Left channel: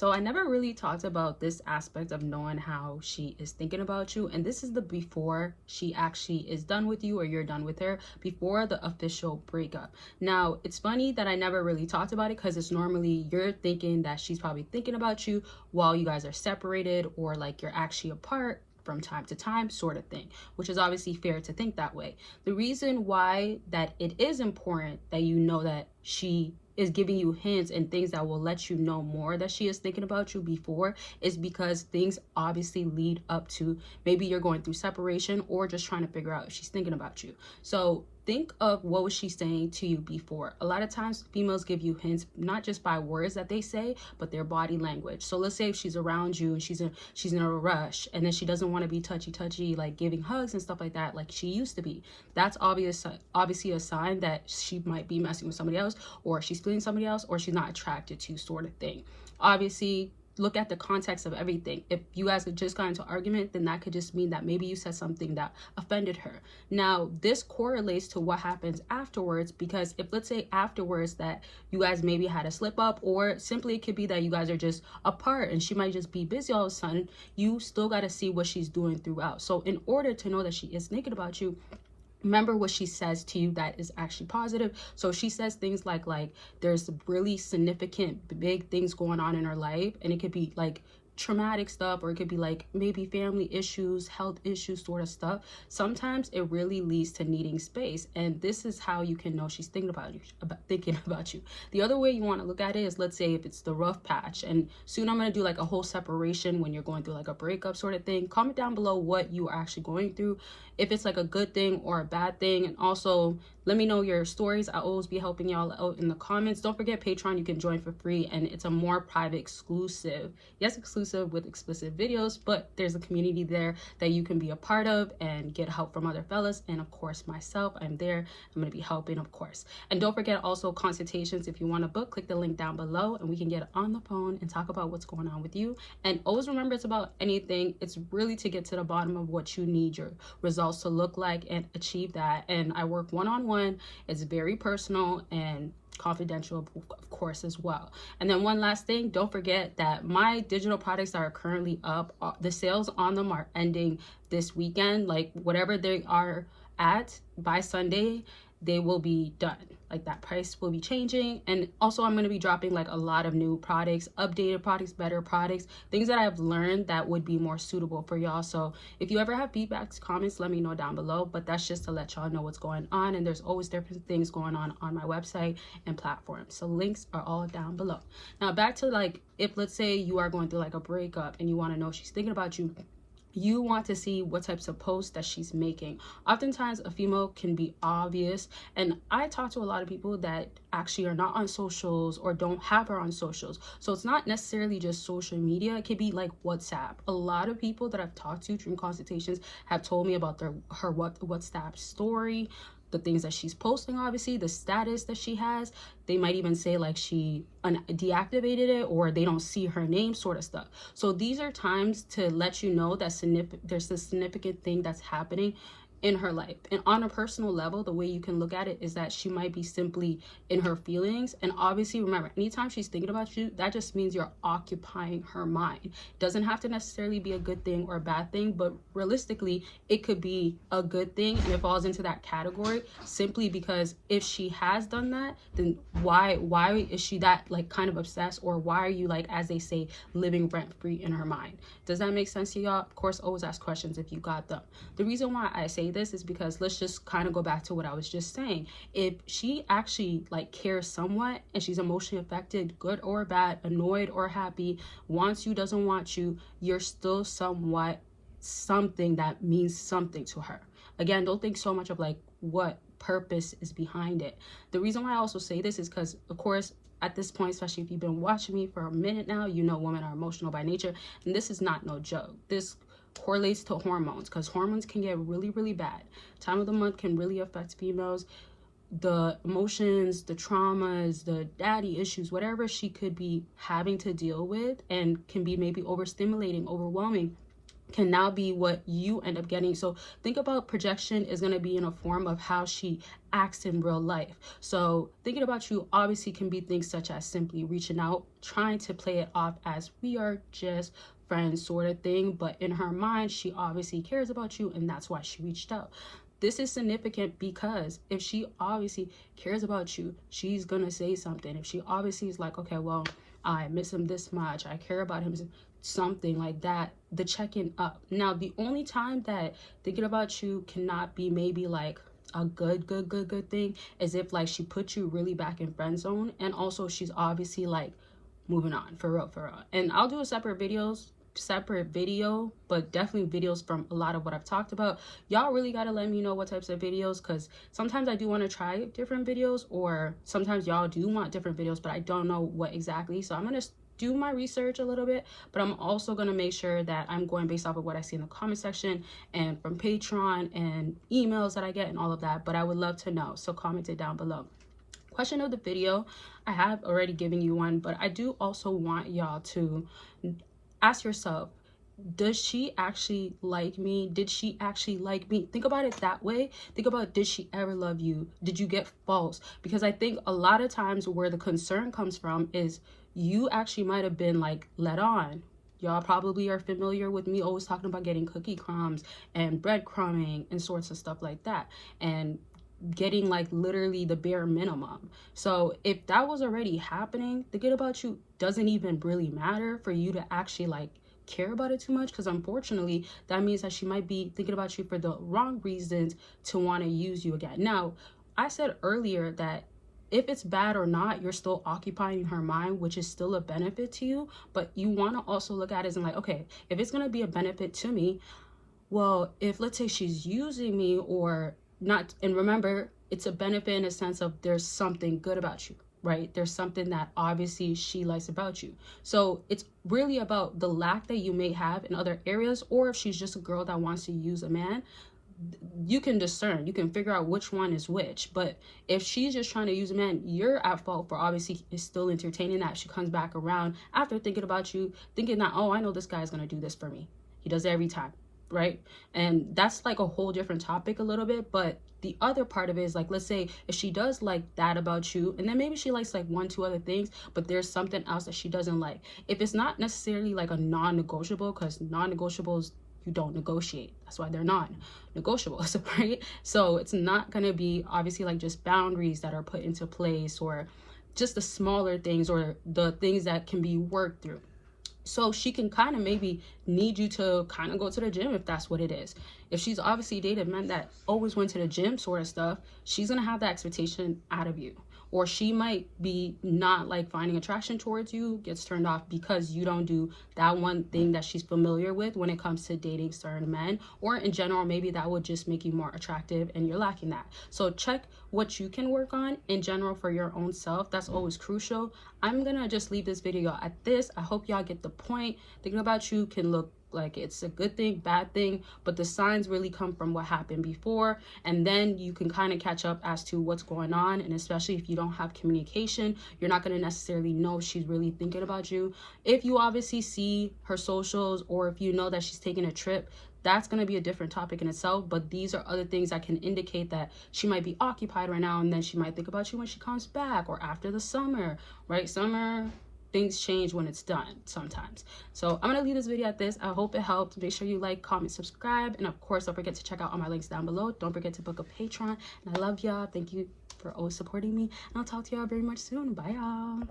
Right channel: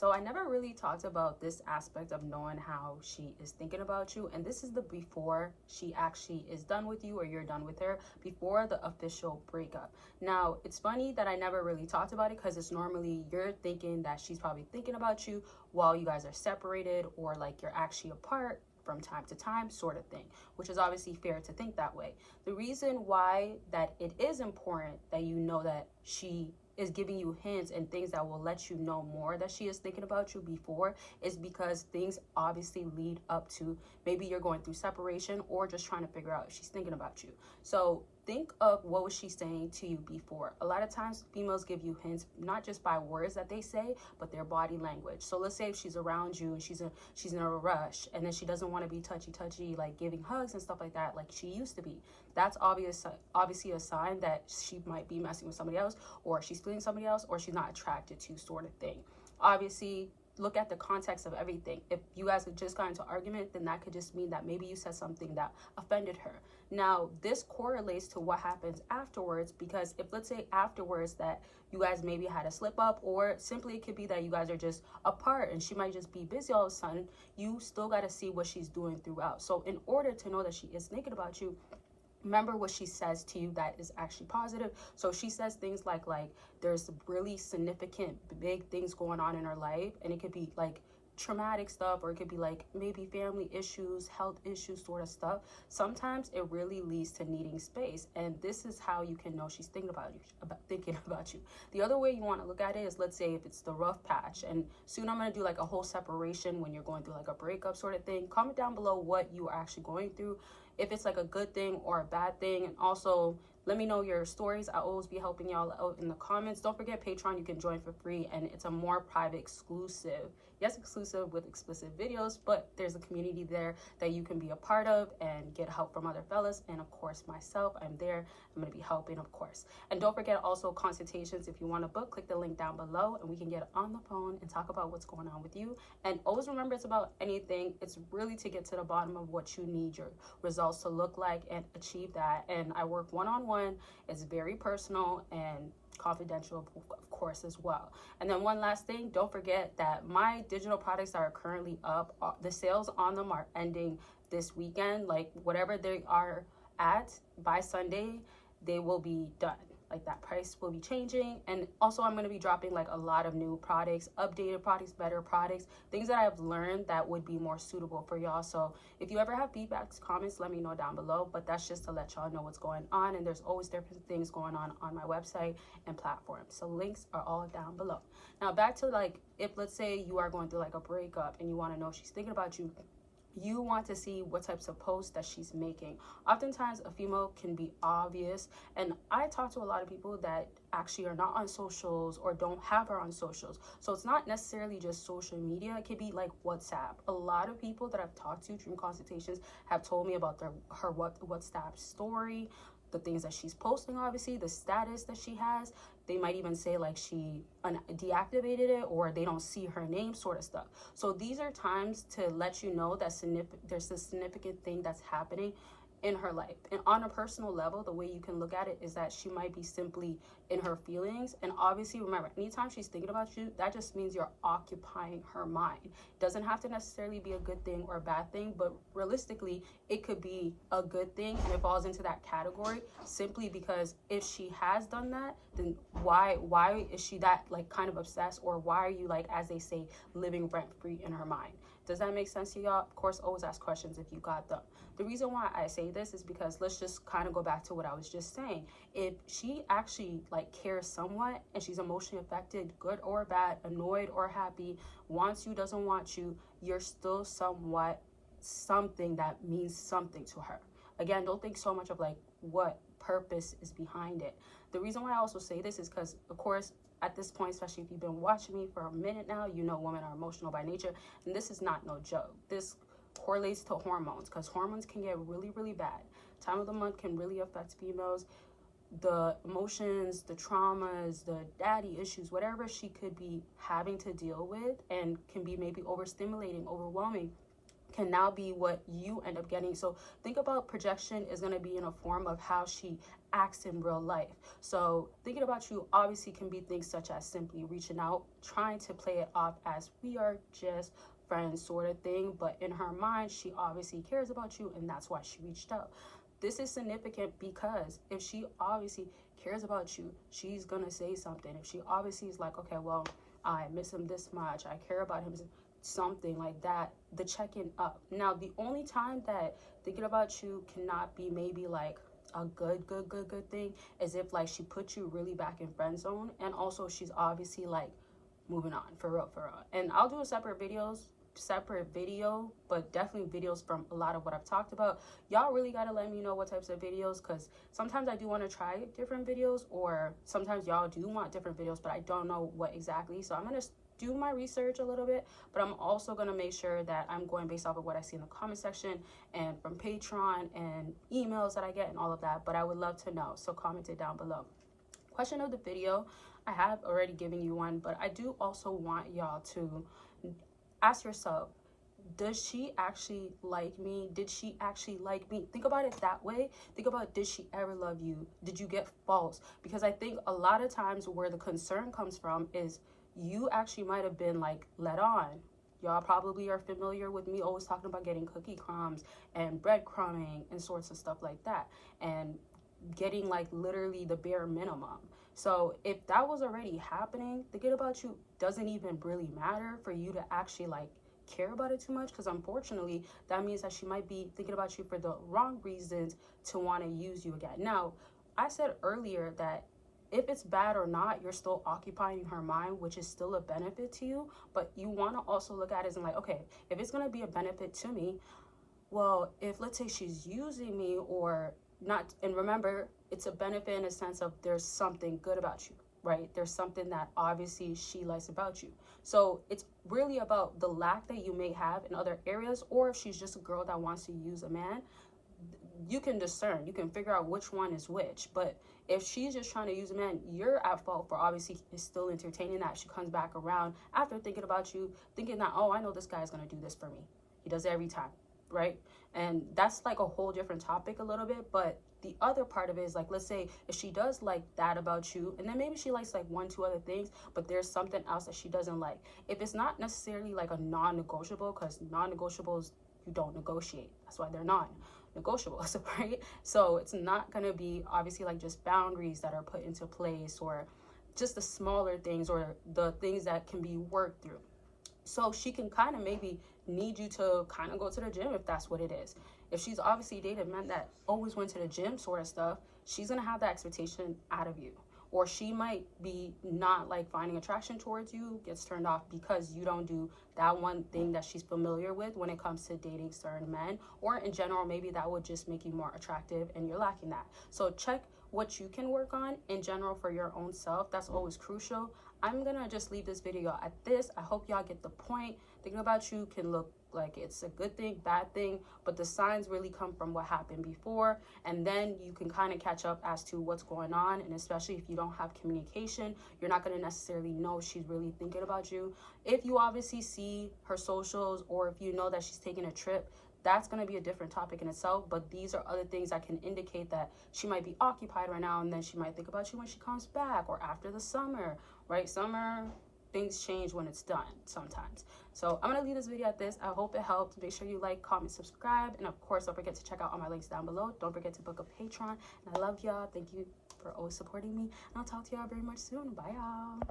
So I never really talked about this aspect of knowing how she is thinking about you, and this is the before she actually is done with you or you're done with her, before the official breakup. Now it's funny that I never really talked about it because it's normally you're thinking that she's probably thinking about you while you guys are separated or like you're actually apart from time to time, sort of thing, which is obviously fair to think that way. The reason why that it is important that you know that she is giving you hints and things that will let you know more that she is thinking about you before is because things obviously lead up to maybe you're going through separation or just trying to figure out if she's thinking about you. So think of what was she saying to you before. A lot of times females give you hints not just by words that they say, but their body language. So let's say if she's around you and she's in a rush and then she doesn't want to be touchy like giving hugs and stuff like that like she used to be, that's obviously a sign that she might be messing with somebody else, or she's feeling somebody else, or she's not attracted to, sort of thing. Obviously look at the context of everything. If you guys had just got into argument, then that could just mean that maybe you said something that offended her. Now this correlates to what happens afterwards, because if let's say afterwards that you guys maybe had a slip up, or simply it could be that you guys are just apart and she might just be busy all of a sudden, you still got to see what she's doing throughout. So in order to know that she is thinking about you, remember what she says to you that is actually positive. So she says things like there's really significant big things going on in her life, and it could be like traumatic stuff, or it could be like maybe family issues, health issues, sort of stuff. Sometimes it really leads to needing space, and this is how you can know she's thinking about you. The other way you want to look at it is, let's say if it's the rough patch, and soon I'm going to do like a whole separation when you're going through like a breakup sort of thing. Comment down below what you are actually going through, if it's like a good thing or a bad thing, and also let me know your stories. I'll always be helping y'all out in the comments. Don't forget Patreon, you can join for free, and it's a more private, exclusive, yes, exclusive with explicit videos, but there's a community there that you can be a part of and get help from other fellas, and of course myself, I'm there. I'm going to be helping, of course. And don't forget also consultations. If you want a book, click the link down below and we can get on the phone and talk about what's going on with you. And always remember, it's about anything, it's really to get to the bottom of what you need your results to look like and achieve that. And I work one-on-one. It's very personal and confidential, of course, as well. And then one last thing, don't forget that my digital products that are currently up, the sales on them are ending this weekend. Like whatever they are at by Sunday, they will be done. Like that price will be changing. And also I'm going to be dropping like a lot of new products, updated products, better products, things that I've learned that would be more suitable for y'all. So if you ever have feedbacks, comments, let me know down below. But that's just to let y'all know what's going on, and there's always different things going on my website and platforms, so links are all down below. Now back to like, if let's say you are going through like a breakup and you want to know if she's thinking about you, you want to see what types of posts that she's making. Oftentimes a female can be obvious, and I talk to a lot of people that actually are not on socials or don't have her on socials. So it's not necessarily just social media, it could be like WhatsApp. A lot of people that I've talked to during consultations have told me about her WhatsApp story, the things that she's posting, obviously the status that she has. They might even say like she deactivated it, or they don't see her name, sort of stuff. So these are times to let you know that there's a significant thing that's happening in her life. And on a personal level, the way you can look at it is that she might be simply in her feelings. And obviously remember, anytime she's thinking about you, that just means you're occupying her mind. It doesn't have to necessarily be a good thing or a bad thing, but realistically it could be a good thing, and it falls into that category simply because if she has done that, then why is she that like kind of obsessed, or why are you, like as they say, living rent free in her mind? Does that make sense to y'all? Of course, always ask questions if you got them. The reason why I say this is because let's just kind of go back to what I was just saying. If she actually like cares somewhat and she's emotionally affected, good or bad, annoyed or happy, wants you, doesn't want you, you're still somewhat something that means something to her. Again, don't think so much of like what purpose is behind it. The reason why I also say this is because, of course, at this point, especially if you've been watching me for a minute now, you know women are emotional by nature, and this is not no joke. This correlates to hormones, because hormones can get really bad. Time of the month can really affect females. The emotions, the traumas, the daddy issues, whatever she could be having to deal with, and can be maybe overstimulating, overwhelming, can now be what you end up getting. So think about projection is going to be in a form of how she acts in real life. So thinking about you obviously can be things such as simply reaching out, trying to play it off as we are just friends sort of thing, but in her mind she obviously cares about you, and that's why she reached out. This is significant because if she obviously cares about you, she's gonna say something. If she obviously is like, okay, well, I miss him this much, I care about him, something like that, the checking up. Now, the only time that thinking about you cannot be maybe like a good thing is if like she put you really back in friend zone, and also she's obviously like moving on for real, for real. And I'll do a separate video, but definitely videos from a lot of what I've talked about. Y'all really got to let me know what types of videos, because sometimes I do want to try different videos, or sometimes y'all do want different videos, but I don't know what exactly. So I'm gonna do my research a little bit, but I'm also going to make sure that I'm going based off of what I see in the comment section and from Patreon and emails that I get and all of that. But I would love to know, so comment it down below. Question of the video, I have already given you one, but I do also want y'all to ask yourself, does she actually like me? Did she actually like me? Think about it that way. Think about, did she ever love you? Did you get false? Because I think a lot of times where the concern comes from is you actually might have been like led on. Y'all probably are familiar with me always talking about getting cookie crumbs and breadcrumbing and sorts of stuff like that, and getting like literally the bare minimum. So if that was already happening, thinking about you doesn't even really matter for you to actually like care about it too much, because unfortunately that means that she might be thinking about you for the wrong reasons to want to use you again. Now, I said earlier that if it's bad or not, you're still occupying her mind, which is still a benefit to you, but you want to also look at it as in like, okay, if it's going to be a benefit to me, well, if let's say she's using me or not, and remember, it's a benefit in a sense of there's something good about you, right? There's something that obviously she likes about you. So it's really about the lack that you may have in other areas, or if she's just a girl that wants to use a man, you can discern, you can figure out which one is which. But if she's just trying to use a man, you're at fault for obviously is still entertaining that. She comes back around after thinking about you, thinking that, oh, I know this guy's gonna do this for me. He does it every time, right? And that's like a whole different topic a little bit. But the other part of it is like, let's say if she does like that about you, and then maybe she likes like 1-2 other things, but there's something else that she doesn't like. If it's not necessarily like a non-negotiable, because non-negotiables you don't negotiate, that's why they're non-negotiables, right? So it's not going to be obviously like just boundaries that are put into place, or just the smaller things or the things that can be worked through. So she can kind of maybe need you to kind of go to the gym if that's what it is. If she's obviously dated men that always went to the gym sort of stuff, she's going to have that expectation out of you. Or she might be not like finding attraction towards you, gets turned off because you don't do that one thing that she's familiar with when it comes to dating certain men. Or in general, maybe that would just make you more attractive and you're lacking that. So check what you can work on in general for your own self. That's always crucial. I'm gonna just leave this video at this. I hope y'all get the point. Thinking about you can look like it's a good thing, bad thing, but the signs really come from what happened before, and then you can kind of catch up as to what's going on. And especially if you don't have communication, you're not going to necessarily know if she's really thinking about you. If you obviously see her socials, or if you know that she's taking a trip, that's going to be a different topic in itself. But these are other things that can indicate that she might be occupied right now, and then she might think about you when she comes back or after the summer, right? Summer, things change when it's done sometimes. So I'm gonna leave this video at this. I hope it helped. Make sure you like, comment, subscribe, and of course don't forget to check out all my links down below. Don't forget to book a Patreon, and I love y'all. Thank you for always supporting me, and I'll talk to y'all very much soon. Bye y'all.